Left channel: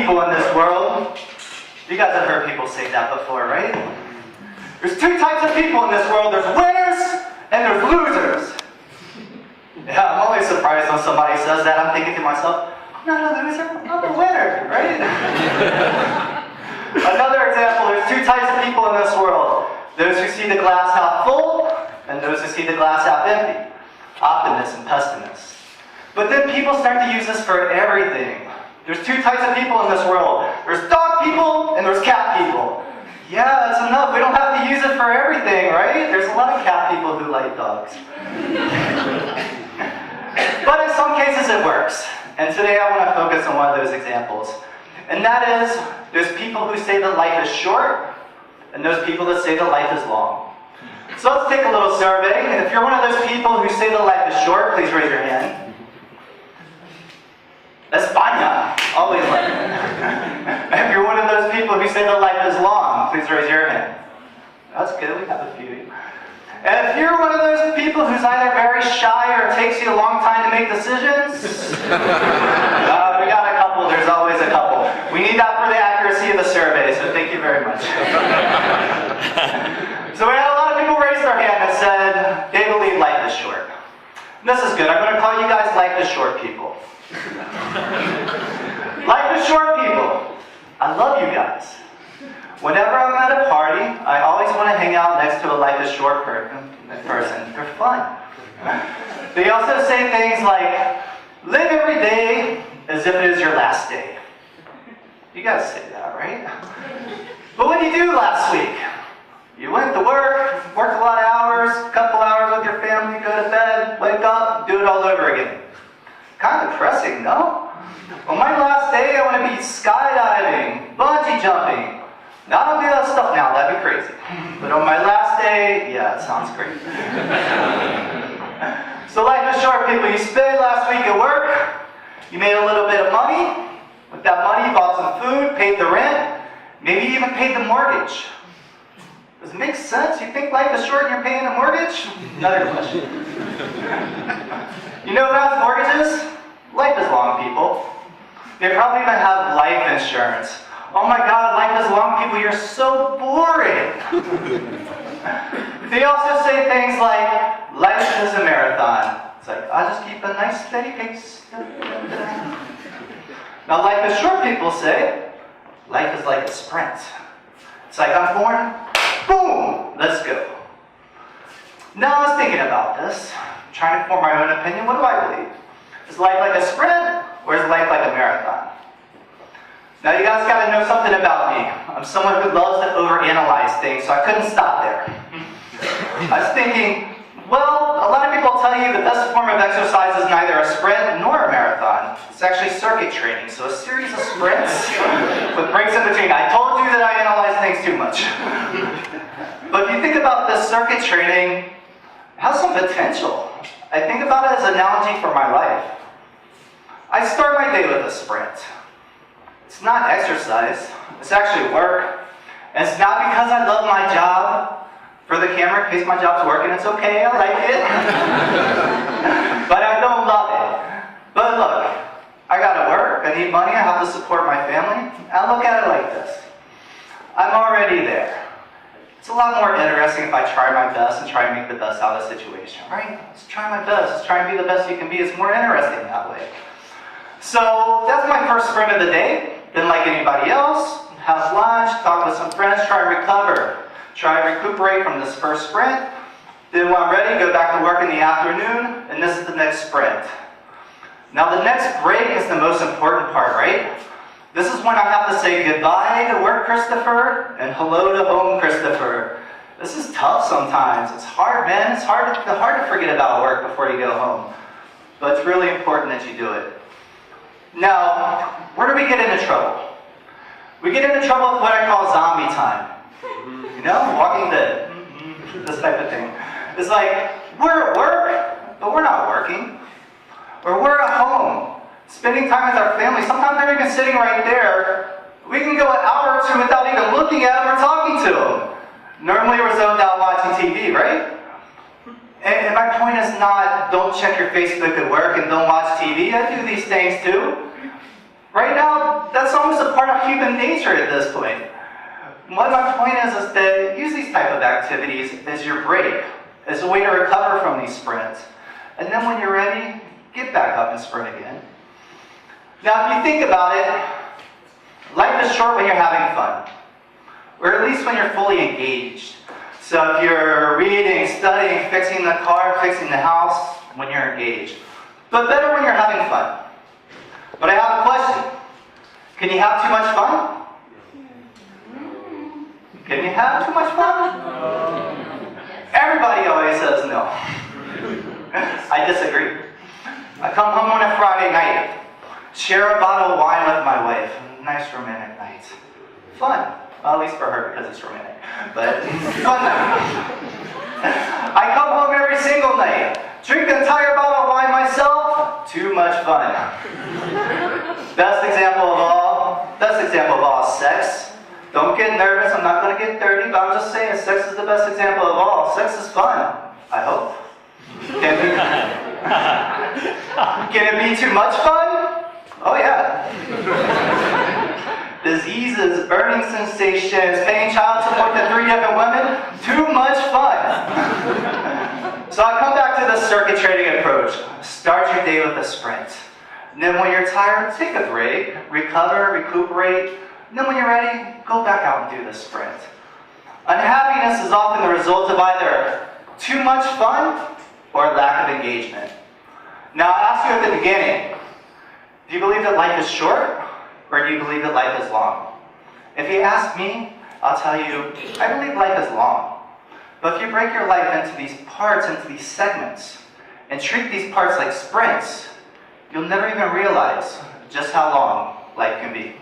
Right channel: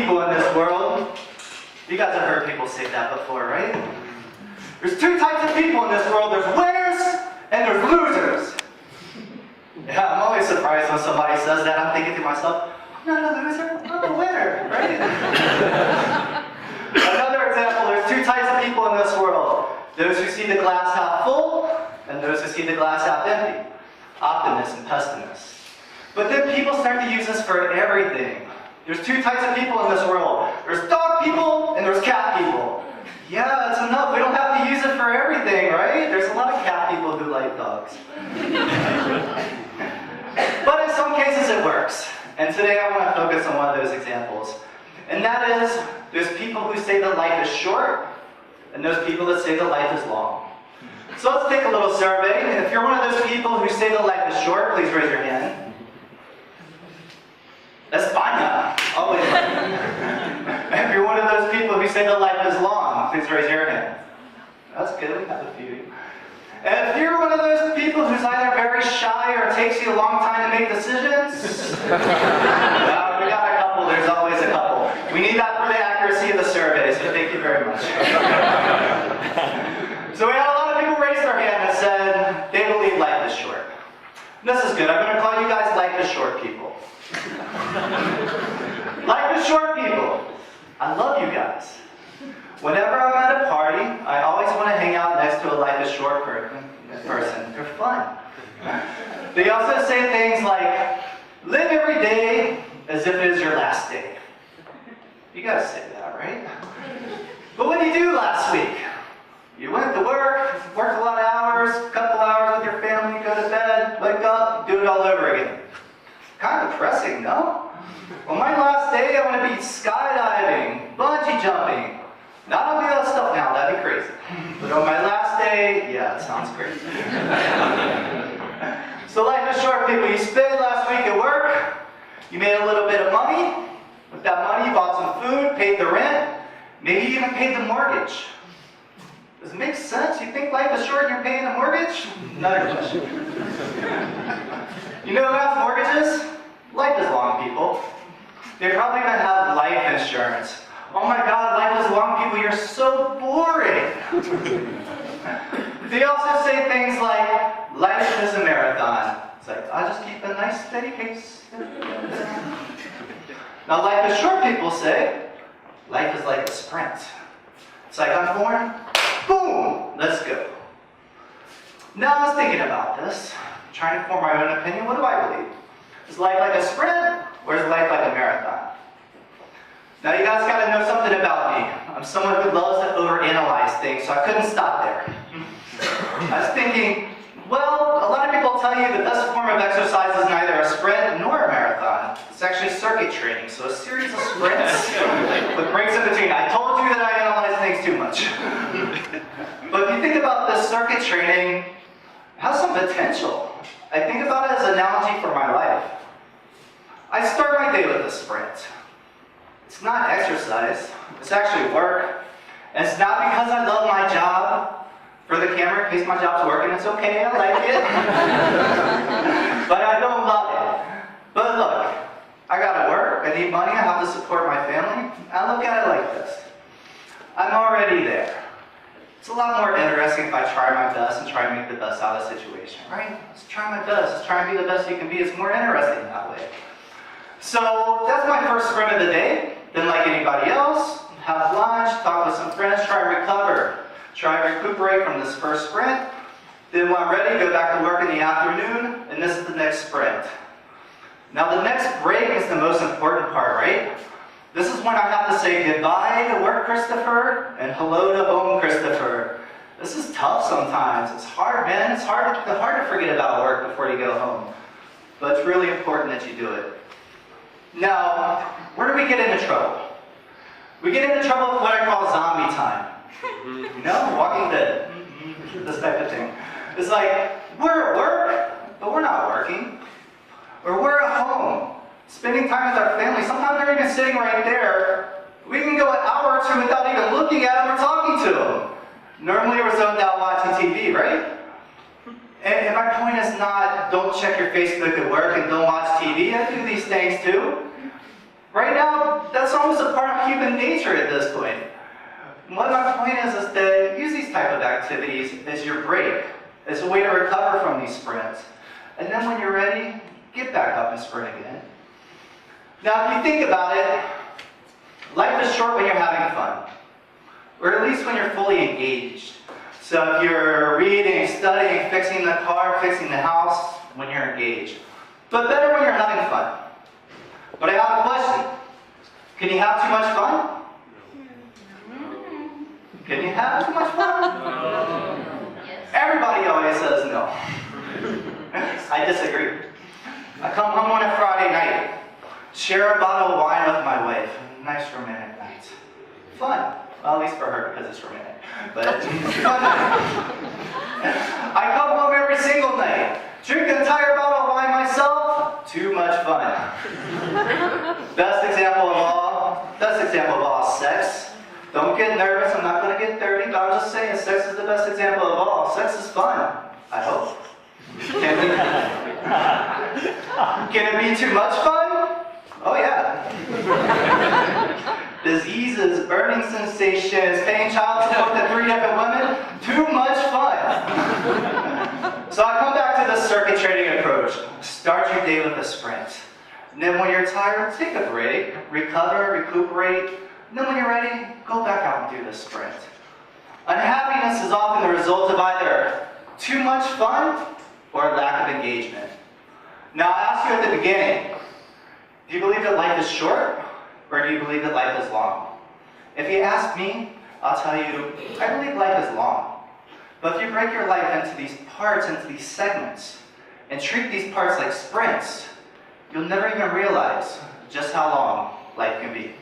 people in this world. You guys have heard people say that before, right? There's two types of people in this world. There's winners and there's losers. Yeah, I'm always surprised when somebody says that. I'm thinking to myself, I'm not a loser, I'm a winner, right? Another example, there's two types of people in this world. Those who see the glass half full and those who see the glass half empty. Optimists and pessimists. But then people start to use this for everything. There's two types of people in this world. There's dog people and there's cat people. Yeah, that's enough. We don't have to use it for everything, right? There's a lot of cat people who like dogs. But in some cases it works. And today I want to focus on one of those examples. And that is, there's people who say that life is short, and those people that say that life is long. So let's take a little survey. And if you're one of those people who say that life is short, please raise your hand. España, always like that. If you're one of those people who say that life is long, please raise your hand. That's good, we have a few. And if you're one of those people who's either very shy or it takes you a long time to make decisions, we got a couple, there's always a couple. We need that for the accuracy of the survey, so thank you very much. So we had a lot of people raise their hand and said they believe life is short. And this is good, I'm going to call you guys life is short people. Life is short people. I love you guys. Whenever I'm at a party, I always want to hang out next to a life is short person. They're fun. They also say things like, live every day as if it is your last day. You guys say that, right? But what did you do last week? You went to work, worked a lot of hours, a couple hours with your family, go to bed, wake up, do it all over again. Kind of depressing, no? On my last day, I want to be skydiving, bungee jumping. Now, I don't do that stuff now, that'd be crazy. But on my last day, yeah, it sounds great. So life is short, people. You spent last week at work, you made a little bit of money. With that money, you bought some food, paid the rent, maybe you even paid the mortgage. Does it make sense? You think life is short and you're paying a mortgage? Another question. You know who has mortgages? Life is long, people. They probably even have life insurance. Oh my God, life is long, people, you're so boring. They also say things like, life is a marathon. It's like, I'll just keep a nice steady pace. Now life is short, people say, life is like a sprint. It's like, I'm born, boom, let's go. Now I was thinking about this, trying to form my own opinion. What do I believe? Is life like a sprint, or is life like a marathon? Now you guys got to know something about me. I'm someone who loves to overanalyze things, so I couldn't stop there. I was thinking, well, a lot of people tell you the best form of exercise is neither a sprint nor a marathon. It's actually circuit training, so a series of sprints with breaks in between. I told you that I analyze things too much. But if you think about this circuit training, it has some potential. I think about it as an analogy for my life. I start my day with a sprint. It's not exercise, it's actually work. And it's not because I love my job. For the camera, in case my job's working, it's okay, I like it. But I don't love it. But look, I gotta work, I need money, I have to support my family. I look at it like this. I'm already there. It's a lot more interesting if I try my best and try to make the best out of the situation, right? Let's try my best, let's try and be the best you can be. It's more interesting that way. So that's my first sprint of the day. Then like anybody else, have lunch, talk with some friends, try and recover. Try and recuperate from this first sprint. Then when I'm ready, go back to work in the afternoon, and this is the next sprint. Now the next break is the most important part, right? This is when I have to say goodbye to work, Kristopher, and hello to home, Kristopher. This is tough sometimes. It's hard, man. It's hard to forget about work before you go home. But it's really important that you do it. Now, where do we get into trouble? We get into trouble with what I call zombie time. You know, Walking Dead, this type of thing. It's like, we're at work, but we're not working. Or we're at home, spending time with our family. Sometimes they're even sitting right there. We can go an hour or two without even looking at them or talking to them. Normally we're zoned out watching TV, right? And my point is not, don't check your Facebook at work and don't watch TV. I do these things too. Right now, that's almost a part of human nature at this point. What my point is that use these type of activities as your break, as a way to recover from these sprints. And then when you're ready, get back up and sprint again. Now, if you think about it, life is short when you're having fun, or at least when you're fully engaged. So if you're reading, studying, fixing the car, fixing the house, when you're engaged. But better when you're having fun. But I have a question. Can you have too much fun? Can you have too much fun? Everybody always says no. I disagree. I come home on a Friday night, share a bottle of wine with my wife. Nice romantic night. Fun. Well, at least for her because it's romantic. But fun. I come home every single night, drink an entire bottle of wine myself. Too much fun. Best example of all, sex. Don't get nervous, I'm not going to get dirty, but I'm just saying sex is the best example of all. Sex is fun, I hope. Can it be too much fun? Oh yeah. Diseases, burning sensations, paying child support to 3 different women, too much fun. So I come back to the circuit trading approach. Start your day with a sprint. And then when you're tired, take a break, recover, recuperate. And then when you're ready, go back out and do the sprint. Unhappiness is often the result of either too much fun or lack of engagement. Now I asked you at the beginning, do you believe that life is short or do you believe that life is long? If you ask me, I'll tell you, I believe life is long. But if you break your life into these parts, into these segments, and treat these parts like sprints, you'll never even realize just how long life can be.